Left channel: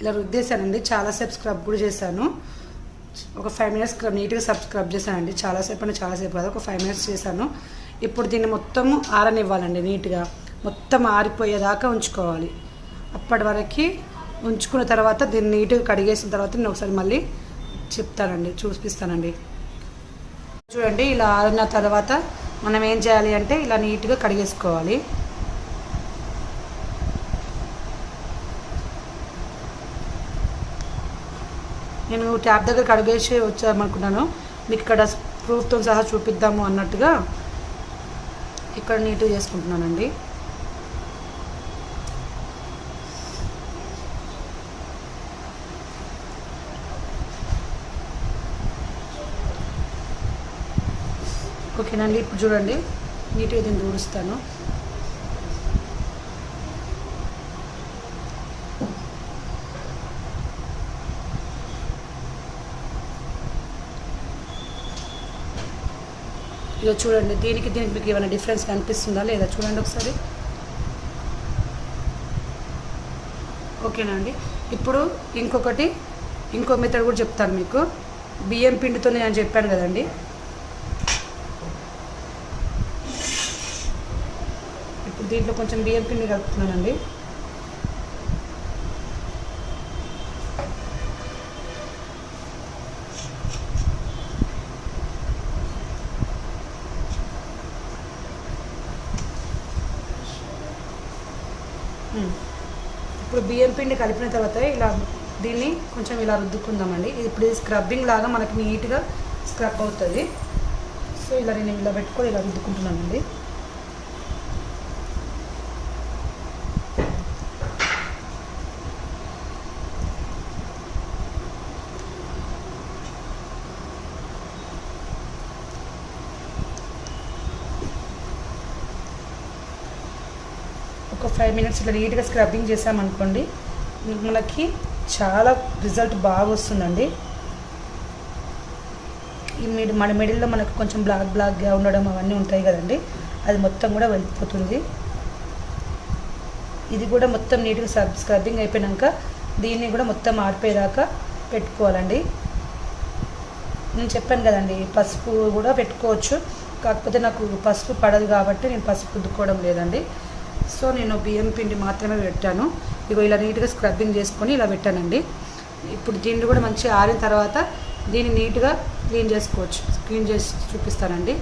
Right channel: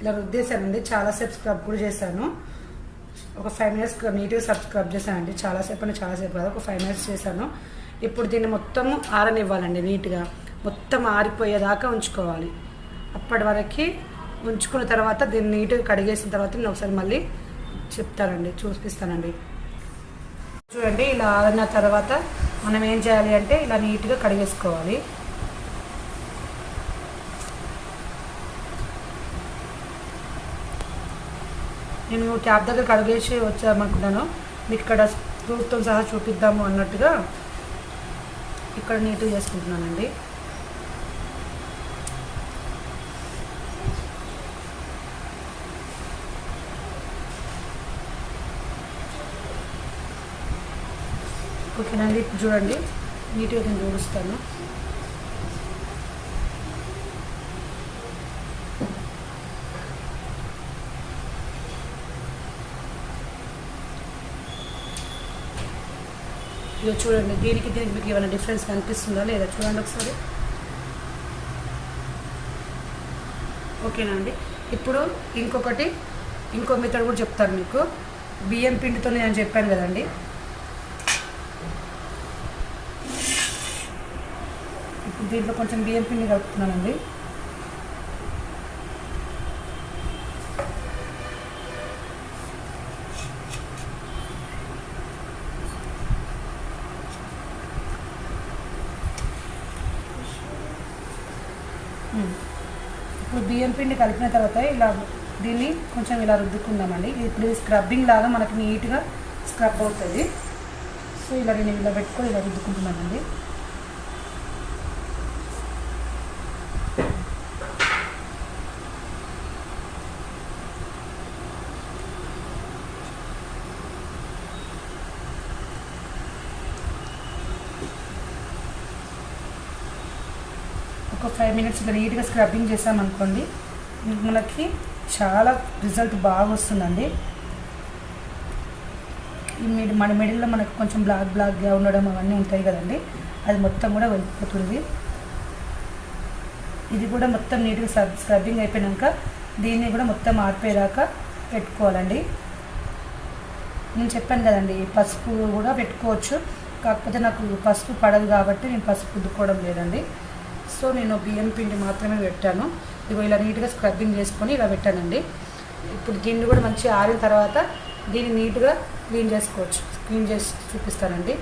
ఇలా రుద్దేశానండి. చాలాసేపు స్క్రబ్ కూడా చేశాను. ఒక 5 minutes నీట్గా స్క్రబ్ చేశానండి. చాలాసేపు అంటే చాలాసేపు కాదు, ఒక 5 minutes చేశాను. ఇప్పుడు దీన్ని మొత్తం ఆరనివ్వాలండి. నీట్గా మొత్తం ఆరిపోయేదాకా ఉంచుకోవాలి. అప్పటి వరకు ఉంచుకున్న తర్వాత దీన్ని నీట్గా కడిగేసిన తర్వాత నేను ఒకసారి మళ్ళీ చెప్తానండి, చూపిస్తానండి. చూడండి, ఇలా ఆరిన తర్వాత మనం ఏం చేయాలి అంటే ఇలా నీట్గా కడిగేసుకోవాలి. నేను ట్యాప్ దగ్గర కడిగేసి వచ్చామనుకున్నాను. మీకు ఇక్కడ ప్రూఫ్తో సహా చూపిద్దాము అన్నట్టుగా ఇక్కడ నీట్గా చేసుకుంటున్నానండి. ఓకేనండి, ఇప్పుడు చూడండి నీట్గా దీన్ని తుడుస్తాను. ఇక చూడండి, దీనికి మీకు ఏమైనా డిఫరెన్స్ కనిపిస్తుందా లేదా చూడండి ఒకసారి. ఓకేనండి, ఇప్పుడు ఇంకో మెథడ్ కూడా చెప్తాను మీకు. బియ్యం పిండితో నేను చెప్పాను కదండి, ఇప్పుడు దీంట్లో కొంచెం బియ్యం పిండి కలుపుతున్నానండి. ఇప్పుడు బియ్యం పిండి కలిపిన తర్వాత ఇలా దీన్ని కొంచెం ఇలా రుద్దుకుందామండి. ఇప్పుడు స్క్రబ్బింగ్ లాగా మనకి నీట్గా స్క్రబ్ అవుతుంది. సో ఇలా నేను ఇలా పెట్టుకొని ఇలా రుద్దుకుంటున్నానండి. ఒక 5 minutes ఇలా నీట్గా స్క్రబ్బింగ్ చేసామనుకోండి, మనకి చాలా రిజల్ట్ బాగా వస్తుందండి. మన మిడిల్లో మనకు కొంచెం బ్లాక్గా ఉండడం అవన్నీ ఉంటాయి కదండి, అది మొత్తం కూడా వెళ్ళిపోతుంది. ఇది కూడా మొత్తం నీట్గా స్క్రబ్బింగ్ అయిపోయాక దీన్ని కూడా మొత్తం ఆరిపోయేదాకా పెట్టుకోవాలండి. నేను చెప్పాను కదండి, పసుపు కూడా పెట్టుకోవచ్చు, కాకపోతే నాకు పసుపు పడదు కాబట్టి నేను పసుపు రుద్దుకోవడం లేదండి. సో నేను బియ్యం పిండి మాత్రమే పెట్టాను. ఇగో ఇలా నీట్గా స్క్రబ్బింగ్ చేసుకొని ఇలా పెట్టానండి. ఇప్పుడు దీన్ని కూడా మంచిగా ఆరిన తర్వాత దీన్ని నీట్గా క్లీన్ చేసుకోవచ్చు. క్లీన్ చేసి చూపిస్తానండి.